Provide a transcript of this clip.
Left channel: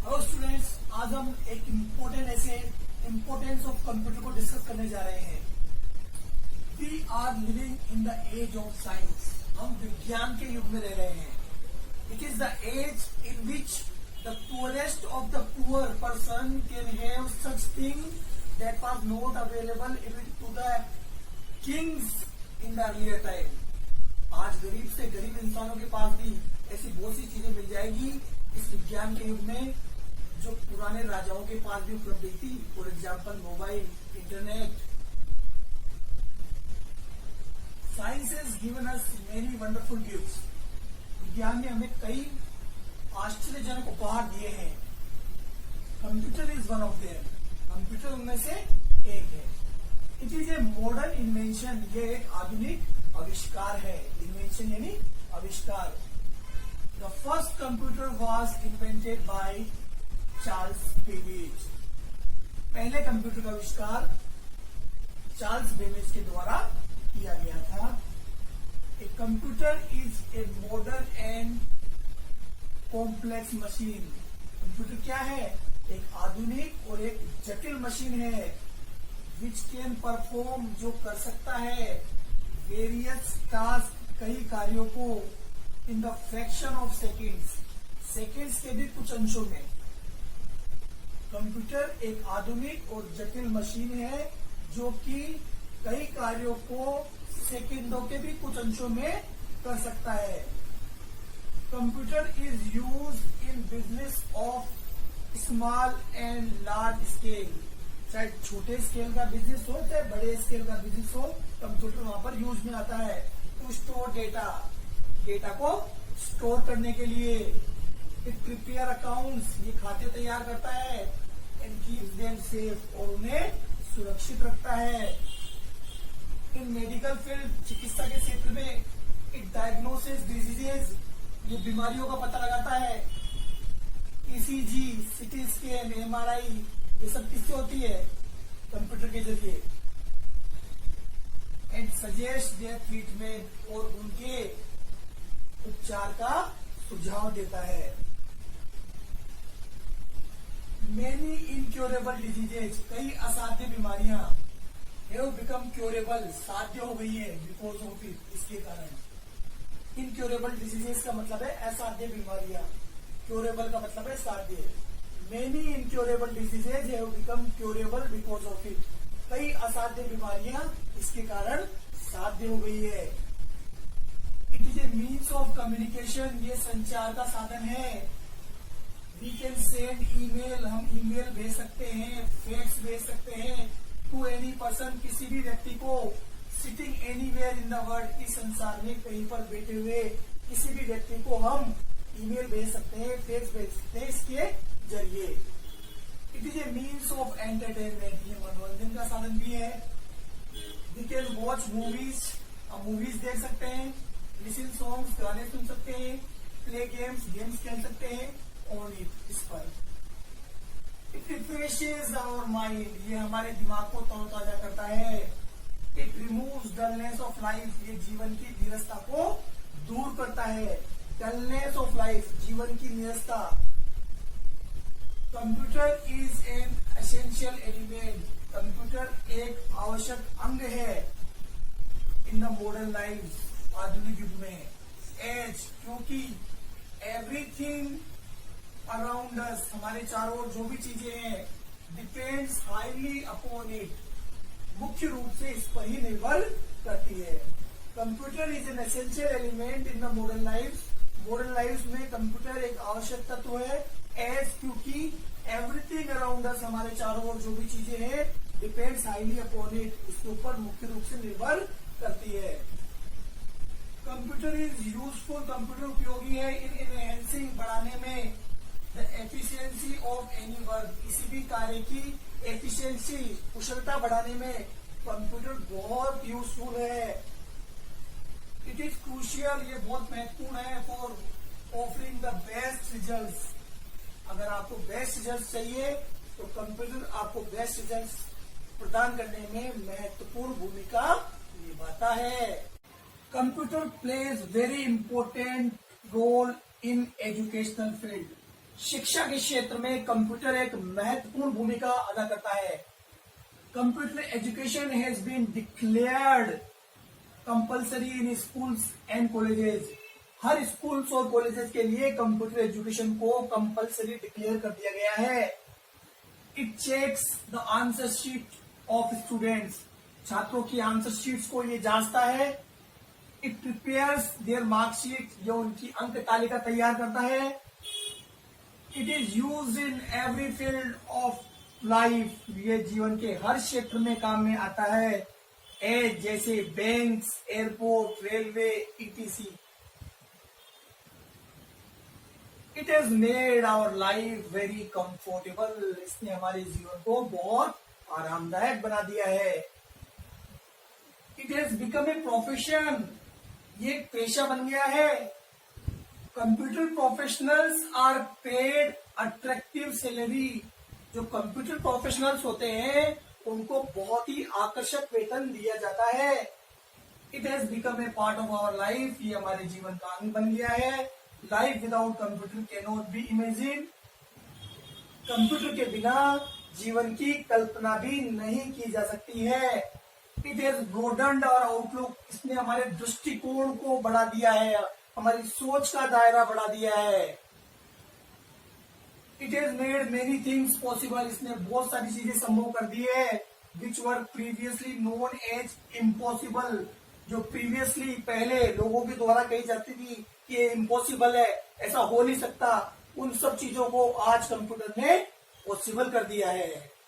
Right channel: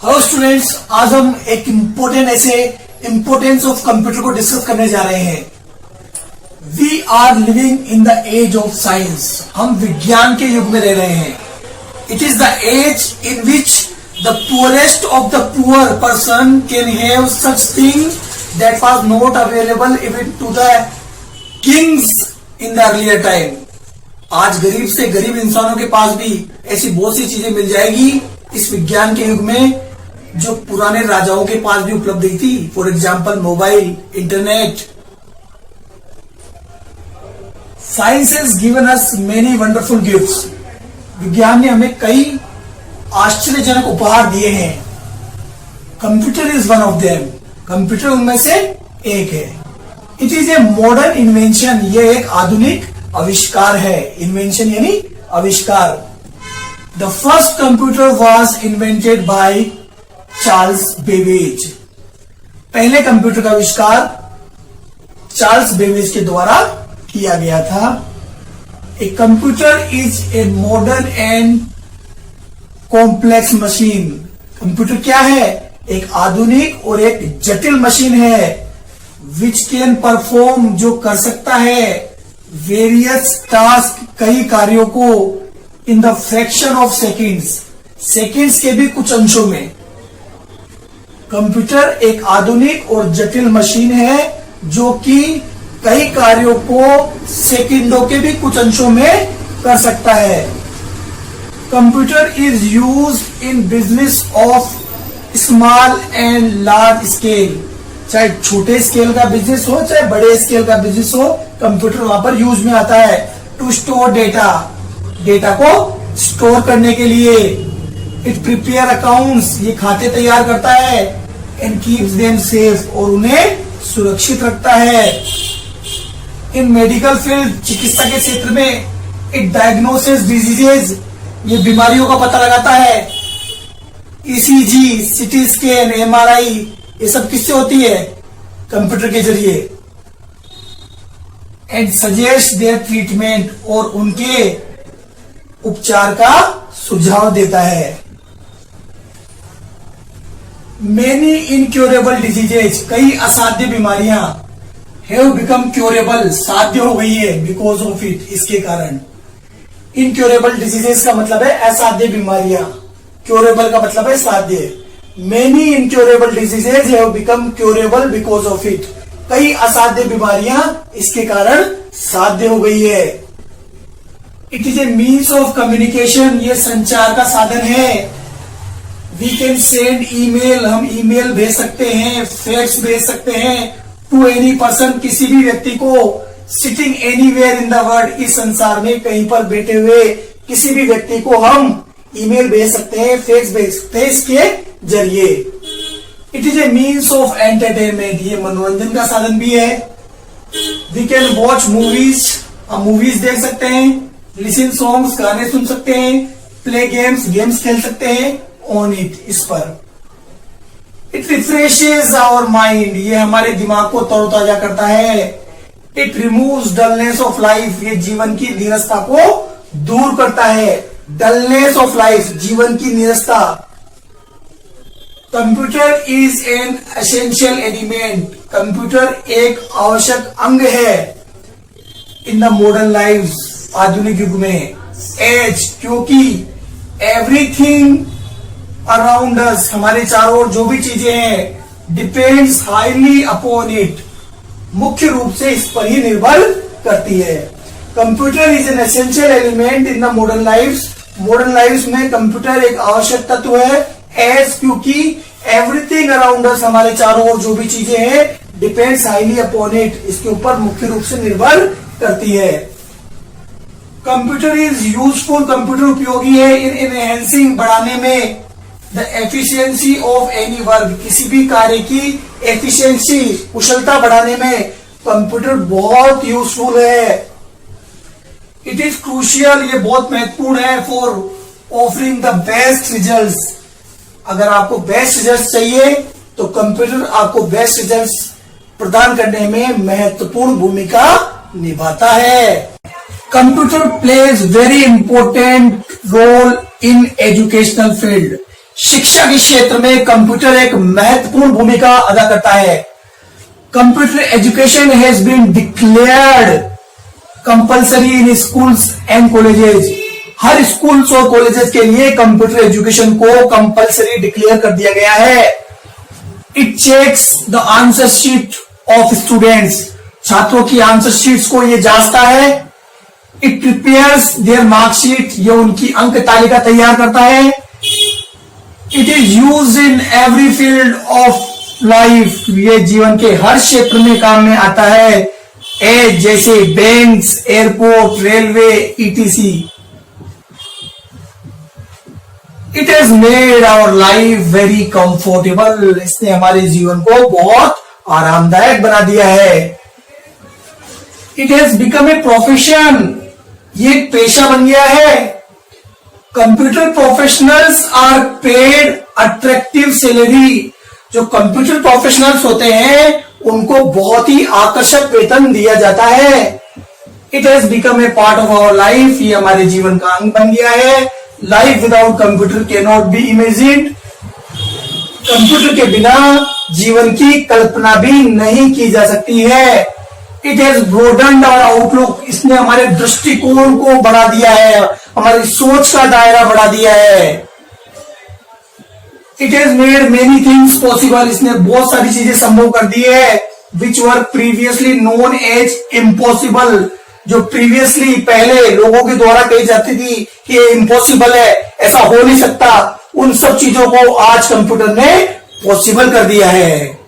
Hello students, आज हम एक इम्पोर्टेंस ऑफ कंप्यूटर को डिस्कस करने जा रहे हैं। We are living in the age of science. हम विज्ञान के युग में रह रहे हैं। It is the age in which the poorest of the poor person can have such thing that was not available even to the kings in the earlier time. आज गरीब से गरीब इंसानों के पास भी ऐसी बहुत सी चीजें मिल जाएगी इस विज्ञान के युग में जो पुराने राजाओं के पास भी उपलब्ध थी। For example mobile, internet. Science has given us many wonderful gifts. विज्ञान ने हमें कई आश्चर्यजनक उपहार दिए हैं। Computer is one of them. Computer उनमें से एक है। It is a modern invention. ये एक आधुनिक आविष्कार है। इन्वेंशन यानी आविष्कार। The first computer was invented by Charles Babbage. पहले कंप्यूटर का आविष्कार चार्ल्स बेबेज के द्वारा किया गया था। A computer is a modern and complex machine. Computer क्या है? एक आधुनिक और एक जटिल मशीन है। विच कैन परफॉर्म, जो कर सकता है वेरियस टास्क, कई कार्यों को in the fraction of seconds के भी कुछ अंशों में। कंप्यूटर एक आधुनिक और जटिल मशीन है जो कि कई कार्यों को सेकंडों के भी कुछ अंशों में कर सकता है। Computer is use in business of small and large scale. चाहे छोटे स्केल का बिजनेस हो चाहे बड़े स्केल का बिजनेस हो, कंप्यूटर वहां पर यूज में आता है। टू स्टोर डेटा को स्टोर करने के लिए। इट प्रिपेयर अकाउंट्स, ये खाते तैयार करता है। एंड कीप्स देम सेफ, और उन्हें सुरक्षित रखता है। इन मेडिकल फील्ड, चिकित्सा के क्षेत्र में, इट डायग्नोसिस डिजीजेज, ये बीमारियों का पता लगाता है। ईसीजी, सीटी स्कैन, एमआरआई, ये सब किससे होती है? कंप्यूटर के जरिए। एंड सजेस्ट देयर ट्रीटमेंट, और उनके उपचार का सुझाव देता है। मेनी इनक्योरेबल डिजीजेज, कई असाध्य बीमारियां हैव बिकम क्योरेबल, साध्य हो गई है बिकॉज ऑफ इट, इसके कारण। इनक्योरेबल डिजीजेस का मतलब है असाध्य बीमारियां, क्योरेबल का मतलब है साध्य। Many incurable diseases have become curable because of it, कई असाध्य बीमारियां इसके कारण साध्य हो गई है। It is a means of communication, ये संचार का साधन है। वी कैन सेंड ईमेल, हम ईमेल भेज सकते हैं, फैक्स भेज सकते हैं। टू एनी पर्सन, किसी भी व्यक्ति को। Sitting anywhere in the world, इस संसार में कहीं पर बैठे हुए किसी भी व्यक्ति को हम ईमेल भेज सकते हैं, फैक्स भेज सकते हैं इसके जरिए। It is a means of entertainment, ये मनोरंजन का साधन भी है। वी कैन वॉच मूवीज, हम मूवीज देख सकते हैं। लिसन सॉन्ग्स, गाने सुन सकते हैं। प्ले गेम्स खेल सकते हैं ऑन इट, इस पर। इट रिफ्रेशेज आवर माइंड, ये हमारे दिमाग को तरोताजा करता है। It removes dullness of life, ये जीवन की नीरसता को दूर करता है। डलनेस ऑफ लाइफ, जीवन की नीरसता। Computer is an essential element, computer एक आवश्यक अंग है इन द मॉडर्न लाइफ, आधुनिक युग में। एज, क्योंकि एवरीथिंग अराउंड अस, हमारे चारों ओर जो भी चीजें हैं, डिपेंड्स हाईली अपॉन इट, मुख्य रूप से इस पर ही निर्भर करती है। Computer is an essential element in the modern life, modern life में कंप्यूटर एक आवश्यक तत्व है। एज, क्योंकि एवरीथिंग अराउंड अस, हमारे चारों ओर जो भी चीजें हैं, डिपेंड्स हाईली अपॉन इट, इसके ऊपर मुख्य रूप से निर्भर करती है। कंप्यूटर इज यूजफुल, कंप्यूटर उपयोगी है। इन एनहेंसिंग, बढ़ाने में। The efficiency of any work, किसी भी कार्य की एफिशिएंसी, कुशलता बढ़ाने में कंप्यूटर बहुत यूजफुल है। इट इज क्रूशियल, ये बहुत महत्वपूर्ण है। For offering the best results, अगर आपको बेस्ट रिजल्ट्स चाहिए तो कंप्यूटर आपको बेस्ट रिजल्ट्स प्रदान करने में महत्वपूर्ण भूमिका निभाता है। Computer plays very important role in educational field, शिक्षा के क्षेत्र में कंप्यूटर एक महत्वपूर्ण भूमिका अदा करता है। Computer education has been declared compulsory in schools and colleges. हर स्कूल्स और कॉलेजेस के लिए कंप्यूटर एजुकेशन को कंपल्सरी डिक्लेयर कर दिया गया है। It checks the answer sheet of students. छात्रों की आंसर शीट्स को ये जांचता है। It prepares their marksheet. ये उनकी अंक तालिका तैयार करता है। It is use in every field of life. ये जीवन के हर क्षेत्र में काम में आता है, जैसे banks, airport, railway, etc. It has made our life very comfortable. इसने हमारे जीवन को बहुत आरामदायक बना दिया है। It has become a profession. ये एक पेशा बन गया है। Computer professionals are paid attractive salary. जो कंप्यूटर प्रोफेशनल्स होते हैं उनको बहुत ही आकर्षक वेतन दिया जाता है। It has become a part of our life. ये हमारे जीवन का अंग बन गया है। Life without computer can not be imagined. Computer के बिना जीवन की कल्पना भी नहीं की जा सकती है। It has broadened our outlook. इसने हमारे दृष्टिकोण को बढ़ा दिया है, हमारी सोच का दायरा बढ़ा दिया है। It has made many things possible. इसने बहुत सारी चीजें संभव कर दी है which were previously known as impossible. जो प्रीवियसली पहले लोगों के द्वारा कही जाती थी कि ये इम्पॉसिबल है, ऐसा हो नहीं सकता, उन सब चीजों को आज कंप्यूटर ने पॉसिबल कर दिया है।